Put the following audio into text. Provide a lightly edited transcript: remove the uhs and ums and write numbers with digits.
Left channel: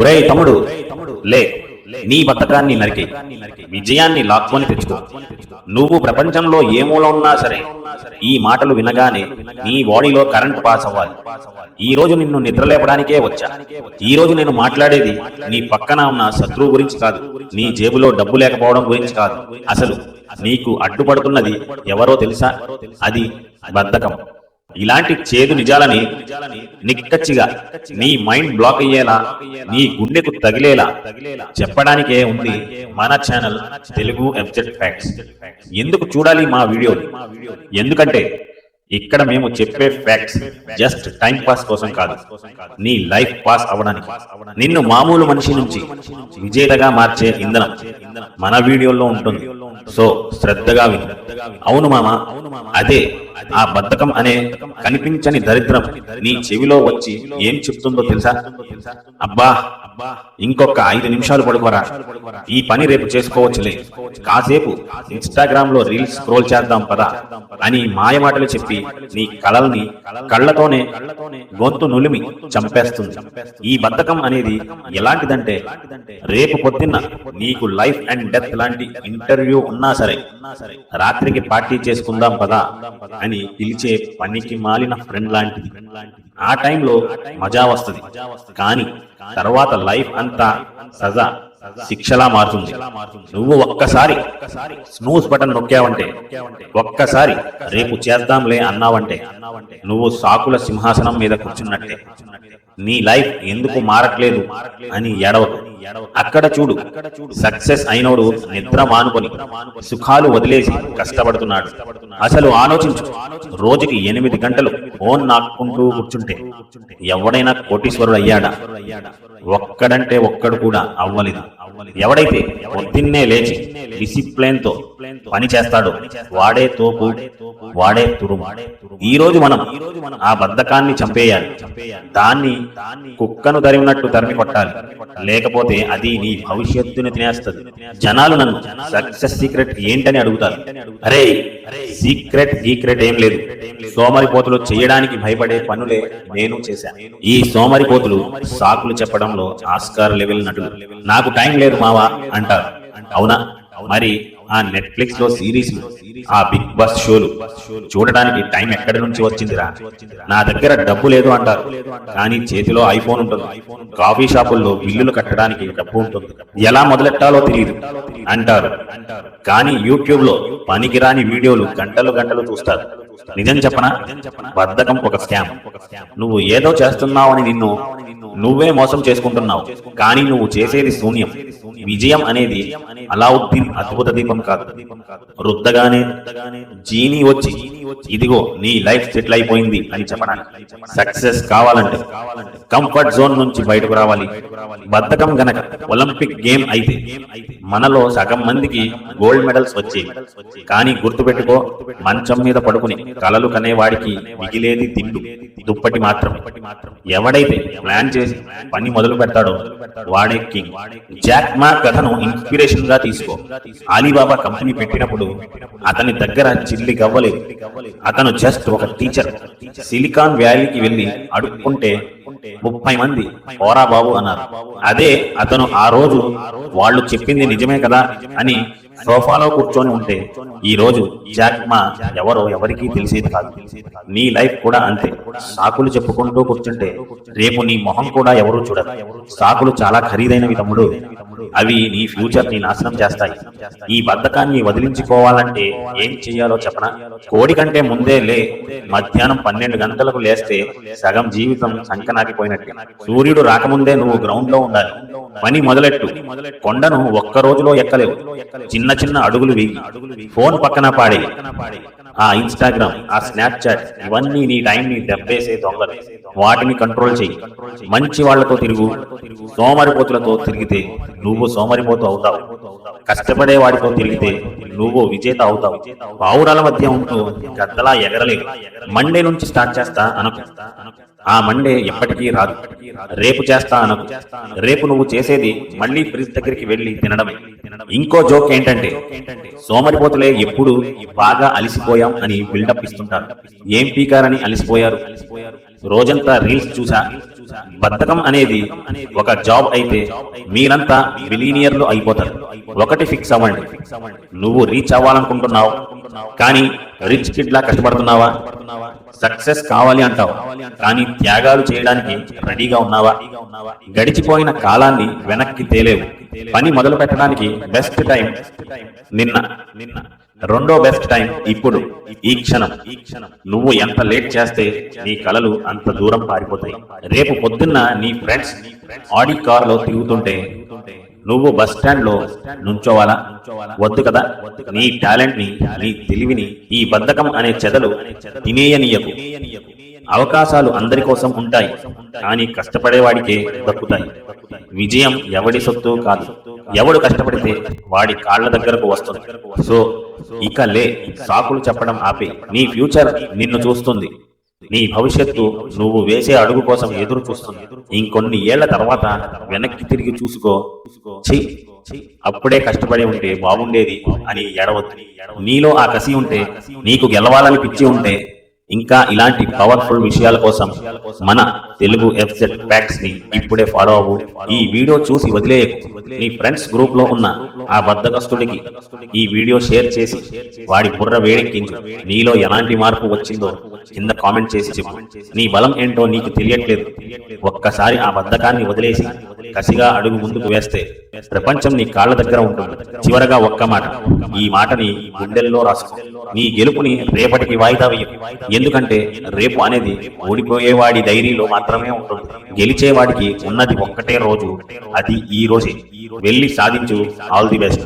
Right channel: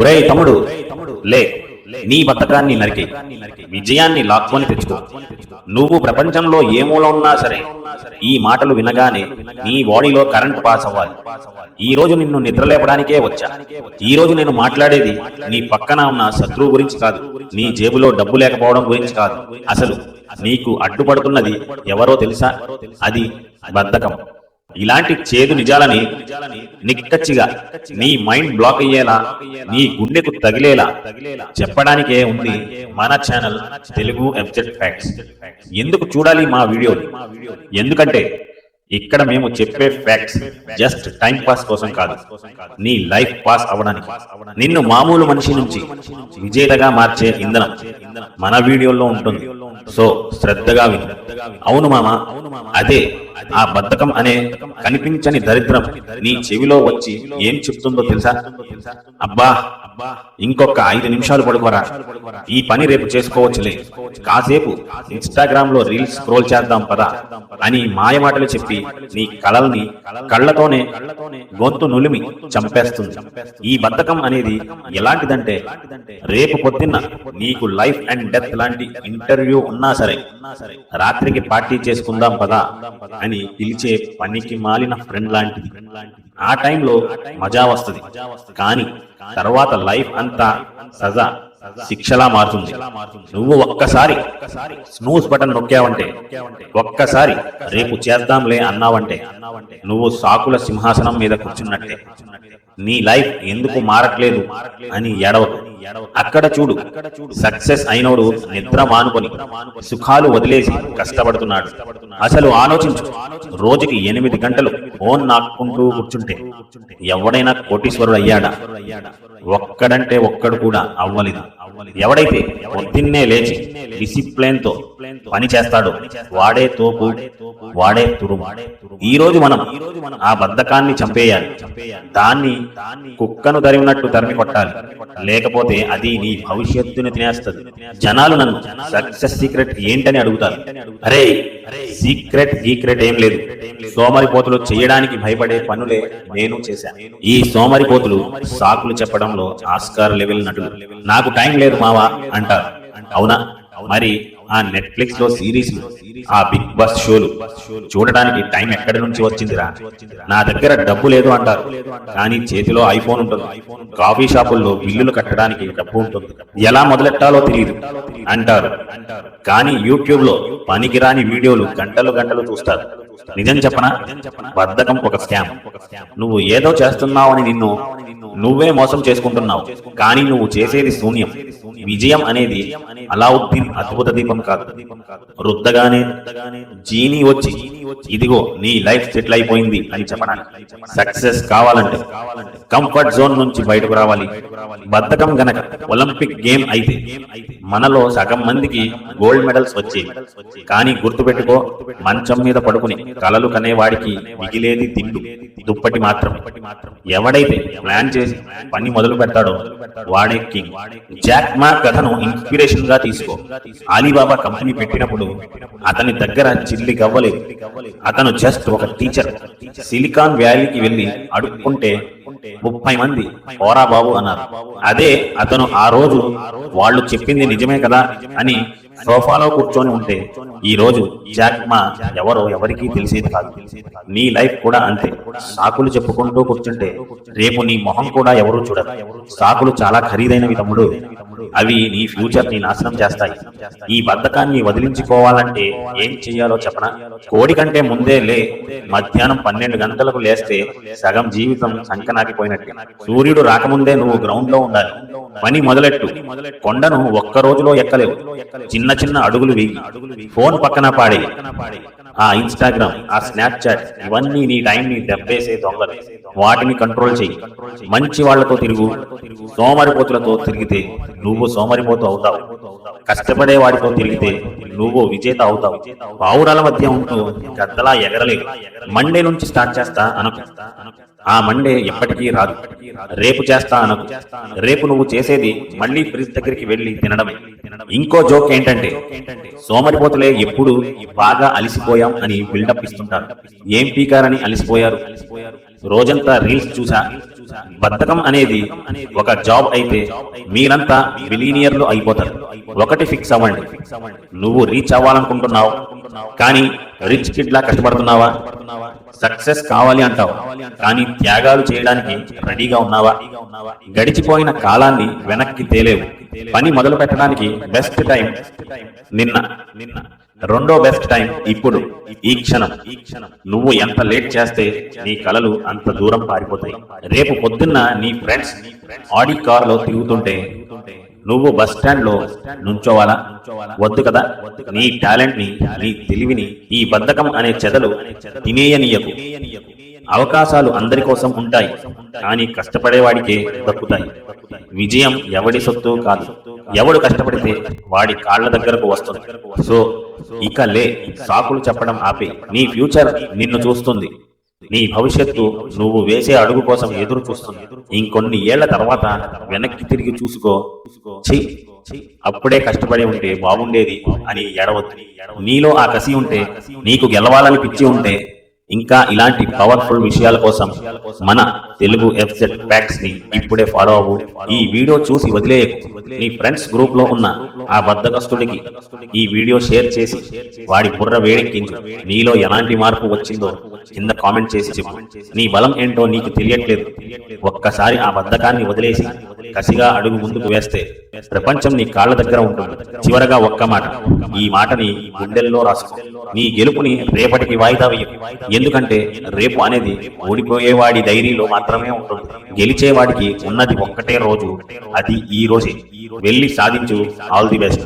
ఒరేయ్ తమ్ముడు, లే, నీ బద్ధకాన్ని నరికి విజయాన్ని లాక్కొని తెచ్చుకో. నువ్వు ప్రపంచంలో ఏ మూల ఉన్నా సరే ఈ మాటలు వినగానే నీ బాడీలో కరెంట్ పాస్ అవ్వాలి. ఈ రోజు నిన్ను నిద్రలేపడానికే వచ్చా. ఈ రోజు నేను మాట్లాడేది నీ పక్కన ఉన్న శత్రువు గురించి కాదు, నీ జేబులో డబ్బు లేకపోవడం గురించి కాదు. అసలు నీకు అడ్డుపడుతున్నది ఎవరో తెలుసా? అది బద్ధకం. ఇలాంటి చేదు నిజాలని నిక్కచ్చిగా నీ మైండ్ బ్లాక్ అయ్యేలా, నీ గుండెకు తగిలేలా చెప్పడానికే ఉంది మన ఛానల్ తెలుగు ఎఫ్జెడ్ ఫ్యాక్ట్స్. ఎందుకు చూడాలి మా వీడియోని? ఎందుకంటే ఇక్కడ మేము చెప్పే ఫ్యాక్ట్స్ జస్ట్ టైం పాస్ కోసం కాదు, నీ లైఫ్ పాస్ అవ్వడానికి, నిన్ను మామూలు మనిషి నుంచి విజేతగా మార్చే ఇంధనం మన వీడియోలో ఉంటుంది. సో శ్రద్ధగా విను. అవును మామ, అదే ఆ బద్ధకం అనే కనిపించని దరిద్రం నీ చెవిలో వచ్చి ఏం చెప్తుందో తెలుసా? అబ్బా, ఇంకొక 5 నిమిషాలు పడుకోరా, ఈ పని రేపు చేసుకోవచ్చులే, కాసేపు ఇన్స్టాగ్రామ్ లో రీల్స్ స్క్రోల్ చేద్దాం పదా అని మాయమాటలు చెప్పి నీ కళల్ని కళ్ళతోనే గొంతు నులిమి చంపేస్తుంది. ఈ బద్ధకం అనేది ఎలాంటిదంటే, రేపు పొద్దున్న నీకు లైఫ్ అండ్ డెత్ లాంటి ఇంటర్వ్యూ ఉన్నా సరే రాత్రికి పార్టీ చేసుకుందాం పదా అని పిలిచే పనికి మాలిన ఫ్రెండ్ లాంటిది. ఆ టైంలో మజా వస్తుంది, కానీ తర్వాత లైఫ్ అంతా సజా, శిక్షలా మారుతుంది. నువ్వు ఒక్కసారి స్నూస్ బటన్ నొక్కావంటే, ఒక్కసారి రేపు చేద్దాంలే అన్నావంటే, నువ్వు సాకుల సింహాసనం మీద కూర్చున్నట్టే. నీ లైఫ్ ఎందుకు మారట్లేదు అని ఏడవకు. అక్కడ చూడు, సక్సెస్ అయినోడు నిద్ర మానుకొని సుఖాలు వదిలేసి కష్టపడుతున్నాడు. అసలు ఆలోచించు, రోజుకి 8 గంటలు ఫోన్ నాకుంటూ కూర్చుంటే ఎవడైనా కోటీశ్వరుడు అయ్యాడా? ఒక్కడంటే ఒక్కడు కూడా అవ్వలేదు. ఎవడైతే పొద్దున్నే లేచి డిసిప్లిన్ తో పని చేస్తాడో వాడే తోపు, వాడే తురుము. ఈ రోజు మనం ఆ బద్ధకాన్ని చంపేయాలి. దాన్ని కుక్కను తరిమినట్టు తరిమి కొట్టాలి, లేకపోతే అది నీ భవిష్యత్తును తినేస్తుంది. జనాలు నన్ను సక్సెస్ సీక్రెట్ ఏంటని అడుగుతారు. అరే, సీక్రెట్ ఏం లేదు. సోమరిపోతులు చేయడానికి భయపడే పనులే నేను చేశాను. ఈ సోమరిపోతులు సాకులు చెప్పడంలో ఆస్కార్ లెవెల్ నటులు. నాకు టైం లేదు మావా అంటారు. అవునా? మరి ఆ నెట్ఫ్లిక్స్ లో సిరీస్లు, ఆ బిగ్ బాస్ షోలు చూడడానికి టైం ఎక్కడి నుంచి వచ్చిందిరా? నా దగ్గర డబ్బు లేదు అంటారు, కానీ చేతిలో ఐఫోన్ ఉంటుంది. కాఫీ షాపుల్లో బిల్లులు కట్టడానికి డబ్బు ఉంటుంది. ఎలా మొదలెట్టాలో తెలియదు అంటారు, కానీ యూట్యూబ్ లో పనికిరాని వీడియోలు గంటలు చూస్తారు. నిజం చెప్పనా? బద్ధకం ఒక స్కామ్. నువ్వు ఏదో చేస్తున్నావని నిన్ను నువ్వే మోసం చేసుకుంటున్నావు, కానీ నువ్వు చేసేది శూన్యం. విజయం అనేది అలావుద్దీన్ అద్భుత దీపం కాదు. రుద్దగానే జీని వచ్చి ఇదిగో నీ లైఫ్ సెటిల్ అయిపోయింది అని చెప్పడానికి. సక్సెస్ కావాలంటే కంఫర్ట్ జోన్ నుంచి బయటకు రావాలి. బద్ధకం గనక ఒలింపిక్ గేమ్ అయితే మనలో సగం మందికి గోల్డ్ మెడల్స్ వచ్చేవి. కానీ గుర్తుపెట్టుకో, మంచం మీద పడుకుని కలలు కనేవాడికి మిగిలేది తిండు, దుప్పటి మాత్రమే. ఎవడైతే ప్లాన్ చేసి పని మొదలు పెడతాడో వాడే కింగ్. జాక్ మా కథను ఇన్స్పిరేషన్ గా తీసుకో. అలీబాబా కంపెనీ పెట్టినప్పుడు అతని దగ్గర చిల్లి గవ్వలేదు. అతను జస్ట్ ఒక టీచర్. సిలికాన్ వ్యాలీకి వెళ్లి అడుక్కుంటే 30 మంది పోరా బాబు అన్నారు. అదే అతను ఆ రోజు వాళ్ళు చెప్పింది నిజమే కదా అని సోఫాలో కూర్చొని ఉంటే ఈ రోజు జాక్ మా ఎవరో ఎవరికీ తెలిసేది కాదు. నీ లైఫ్ కూడా అంతే. సాకులు చెప్పుకుంటూ కూర్చుంటే రేపు నీ మొహం కూడా ఎవరూ చూడరు. సాకులు చాలా ఖరీదైనవి తమ్ముడు, అవి నీ ఫ్యూచర్ ని నాశనం చేస్తాయి. ఈ బద్ధకాన్ని వదిలించుకోవాలంటే ఏం చెయ్యాలో చెప్పనా? కోడి కంటే ముందే లే. మధ్యాహ్నం 12 గంటలకు లేస్తే సగం జీవితం సంకనాకిపోయినట్టే. సూర్యుడు రాకముందే నువ్వు గ్రౌండ్ లో ఉండాలి. పని మొదలెట్టు. కొండను ఒక్క రోజులో ఎక్కలేవు. చిన్న అడుగులు వేయి. ఫోన్ పక్కన పాడే. ఆ ఇన్స్టాగ్రామ్, ఆ స్నాప్చాట్, ఇవన్నీ నీ టైంని దెబ్బేసే దొంగలు. వాటిని కంట్రోల్ చెయ్యి. మంచి వాళ్లతో తిరుగు. సోమరిపోతులతో తిరిగితే నువ్వు సోమరిపోతు అవుతావు. కష్టపడే వారితో తిరిగితే నువ్వు విజేత అవుతావు. పావురాల మధ్య ఉంటూ గద్దలా ఎగరలేవు. మండే నుంచి స్టార్ట్ చేస్తా అనుకు. ఆ మండే ఎప్పటికీ రాదు. రేపు చేస్తా అనకు. రేపు నువ్వు చేసేది మళ్ళీ ఫ్రిడ్జ్ దగ్గరికి వెళ్ళి తినడమే. సోమరిపోతులే ఎప్పుడు బాగా అలిసిపోయాం అని బిల్డప్ ఇస్తుంటారు. ఏ పీకారని అలిసిపోయారు? రోజంతా రీల్స్ చూసా, బద్ధకం అనేది ఒక జాబ్ అయితే మీరంతా బిలీనియర్లు అయిపోతారు. ఒకటి ఫిక్స్ అవ్వండి, నువ్వు రీచ్ అవ్వాలనుకుంటున్నావు కానీ రిచ్ కిడ్ లా కష్టపడుతున్నావా? సక్సెస్ కావాలి అంటావు కానీ త్యాగాలు చేయడానికి రెడీగా ఉన్నావా? గడిచిపోయిన కాలాన్ని వెనక్కి తేలేవు. పని మొదలు పెట్టడానికి బెస్ట్ టైం నిన్న, రెండో బెస్ట్ టైం ఇప్పుడు, ఈ క్షణం. నువ్వు ఎంత లేట్ చేస్తే నీ కలలు అంత దూరం పారిపోతాయి. రేపు పొద్దున్న నీ ఫ్రెండ్స్ ఆడి కార్ లో తిరుగుతుంటే నువ్వు బస్ స్టాండ్ లో నుంచోవాలా? వద్దు కదా. నీ టాలెంట్ ని, నీ తెలివిని ఈ బద్ధకం అనే చెదలు తినేయనీయకు. అవకాశాలు అందరి కోసం ఉంటాయి కానీ కష్టపడేవాడికే దక్కుతాయి. విజయం ఎవడి సొత్తు కాదు, ఎవడు కష్టపడితే వాడి కాళ్ల దగ్గరకు వస్తుంది. సో ఇక లే, సాకులు చెప్పడం ఆపే. నీ ఫ్యూచర్ నిన్ను చూస్తుంది, నీ భవిష్యత్తు నువ్వు వేసే అడుగు కోసం ఎదురు చూస్తుంది. ఇంకొన్ని ఏళ్ల తర్వాత వెనక్కి తిరిగి చూసుకో, ఛీ అప్పుడే కష్టపడి ఉంటే బాగుండేది అని ఎడవద్దు. నీలో ఆ కసి ఉంటే, నీకు గెలవాలని పిచ్చి ఉంటే, ఇంకా ఇలాంటి పవర్ఫుల్ విషయాల కోసం మన తెలుగు FZ ఫ్యాక్ట్స్ ని ఇప్పుడే ఫాలో అవ్వు. ఈ వీడియో చూసి వదిలేయకు. నీ ఫ్రెండ్స్ గ్రూప్ లో ఉన్న ఆ బద్ధకస్తుడికి ఈ వీడియో షేర్ చేసి వాడి బుర్ర వేడెక్కించు. నీలో ఎలాంటి మార్పు వచ్చిందో కింద కామెంట్ చేసి చెప్పు. నీ బలం ఏంటో నీకు తెలియట్లేదు. ఒక్కసారి ఆ బద్ధకాన్ని వదిలేసి కసిగా అడుగు ముందుకు వేస్తే ప్రపంచం నీ కాళ్ళ దగ్గర ఉంటుంది. చివరగా ఒక్క మాట, ఈ మాటని గుండెల్లో రాసుకో. నీ గెలుపుని రేపటికి వాయిదా వేయకు. ఎందుకంటే రేపు అనేది ఓడిపోయేవాడి డైరీలో మాత్రమే ఉంటుంది. గెలిచేవాడికి ఉన్నది ఒక్కటే రోజు, అది ఈ రోజే. వెళ్ళి సాధించు. All the best.